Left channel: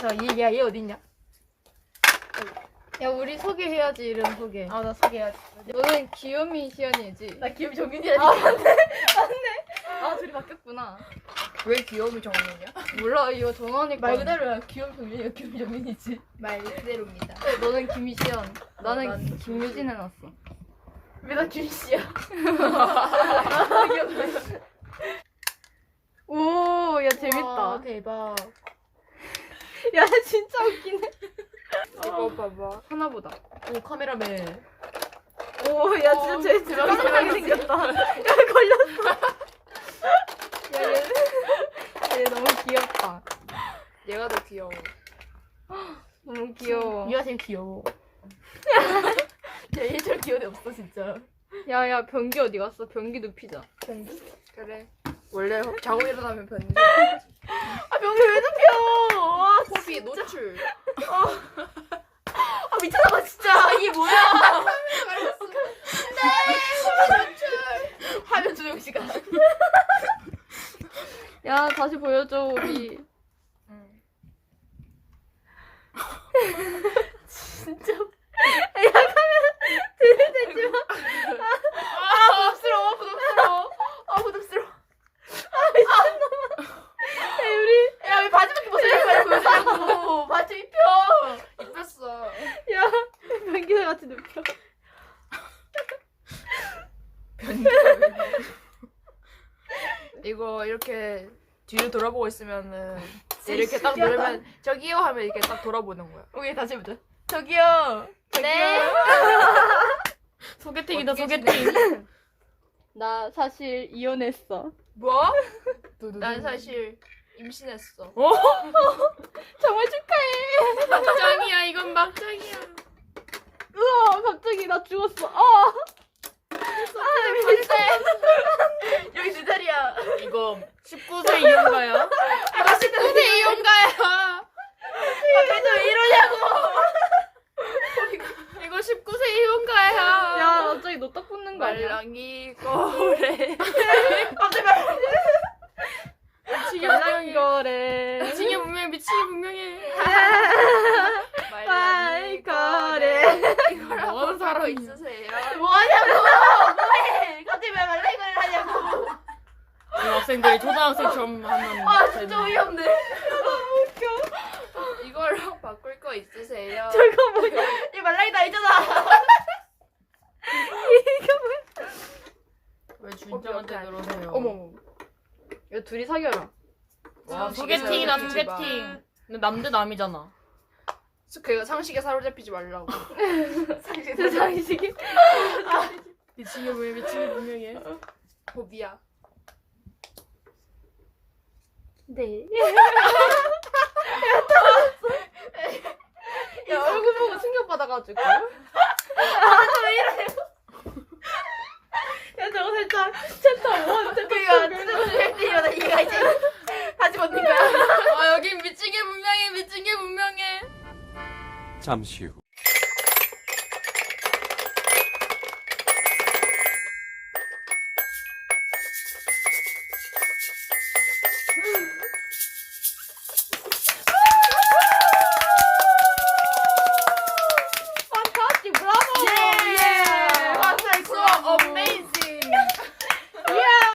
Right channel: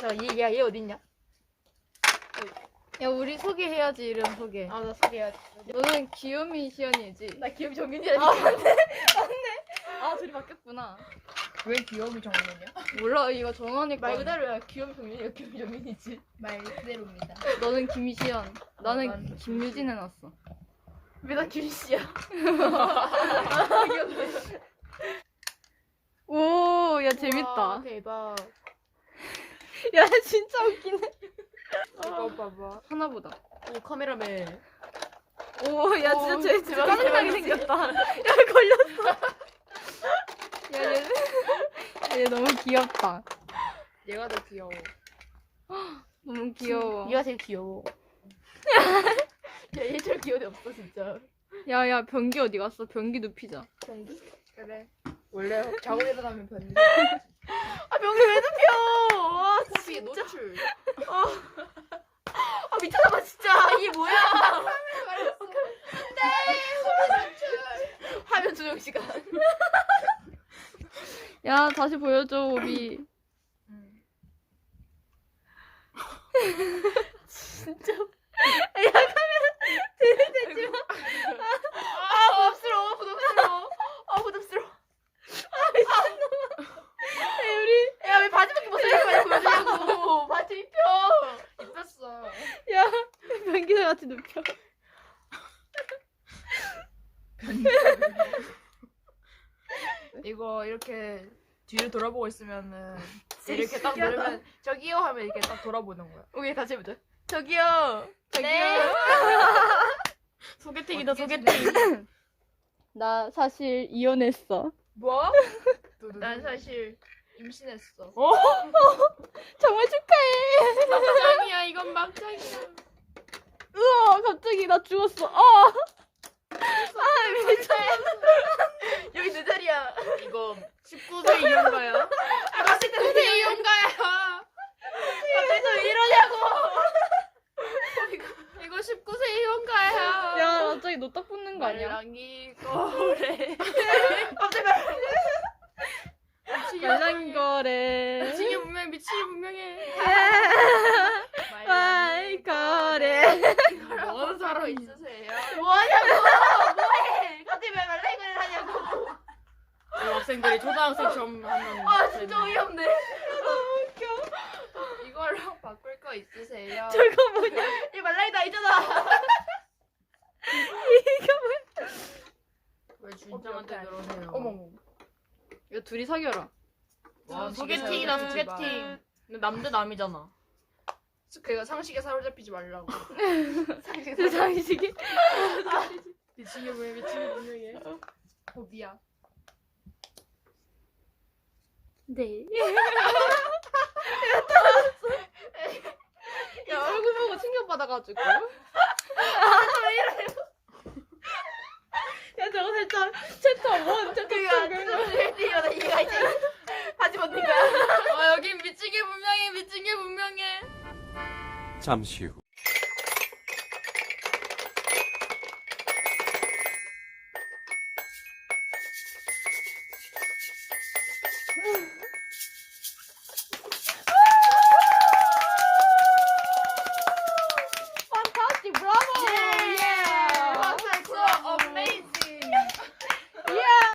자 얘 야 얘 어딨냐? 야 우리 소개해야지 이름 소개. 아 나 소개해야지. 너는 귀요미 시연이지? 나 기억이 정민이라니까. 아 맞네 맞네. 아 둘이 바뀌었구나. 왜 귀여움이 정민이야? 몰라 이거 정하니까. 말 그대로야 귀여움 정민이가 귀여움 정민이지. 말 그대로입니다. 너는 김시연. 나는 난 김유진 해놨어. 왜 나 김씨야? 오, 야 재밌다. 와, 대박. 야 진짜 웃기네. 이거 봐봐. 하나보다. 오 카메라맨. 오, 야 진짜 쟤 진짜 대박. 깜짝하게 생겼다. 야 걸렸어. 야 얘, 얘 너무 귀엽다. 얘가 더 귀여워. 너무 귀여워. 얘가 제일 귀여워. 야 얘처럼 귀여운 애 없어 진짜. 야야 변기 어디 갔어? 변기 눕히자. 변기? 그래. 원래 자고 일어나면 변기. 아 변기 왜 코피 노출. 아 미쳤나봐 진짜. 이게 뭐야? 네. 노출. 화면 조정 시간. 야 다시 보여줘 우리. 진짜. 야 카메라 들이대지 마. 아 부담스러워 부담스러워. 아 부담스러워. 야 우리 야왜 바지밖에 못 입을 거야 보여주려고. 바지 입혀. 입혔어. 야 변기에 같이 눕혀. 이거 이렇게 뒤를 돌아보고 있으면은 이렇게 딱 누르면 저기요 하면 이렇게 딱 돌아보는 거야. 우리 다시 해보자. 저기요. 네. 소개팅이다 소개팅. 나 사실 이혼했어. 뭐? 난 사실 임신했어. 어? 정말 축하해. 막장이야 이건 막장이야. 우와 갑자기 나 죽었어. 아. 여기 내 자리야. 이거 19세 이혼가야? 이거 19세 이혼가야. 갑자기 또왜 이러냐고. 이거 19세 이혼가야. 야 갑자기 너딱 붙는 거 아니야? 말랑이 거래. 미치게 말랑 분명해. 거래. 미치게 분명해. 미치게 분명해. 말 말랑이 거래. 이거랑 사러 있으세요? 뭐하냐고. 말라 이걸 하냐고. 학생들이 초등학생처럼 하면 아 진짜 어이없네. 이거랑 바꿀 거 있으세요? 저거 뭐야? 이 말랑이 나 있잖아. 왜 준정한테 그러세요? 어머. 야 둘이 사귀어라. 와, 상식에 소개팅이다 사로잡히지 마. 소개팅. 근데 남대 남이잖아. 그 상식에 사로잡히지 말라고. 세상이 시기. 미치게 왜 미치게 분명해. 고비야. 네. 야 얼굴 보고 충격 받아가지고. 야 저거 살짝 챕터 1 챕터 그니까 2 찌질찌질하다 이가 이제 바지 벗는 거야. 아 여긴 미치게 분명해 미치게 분명해. 잠시 후.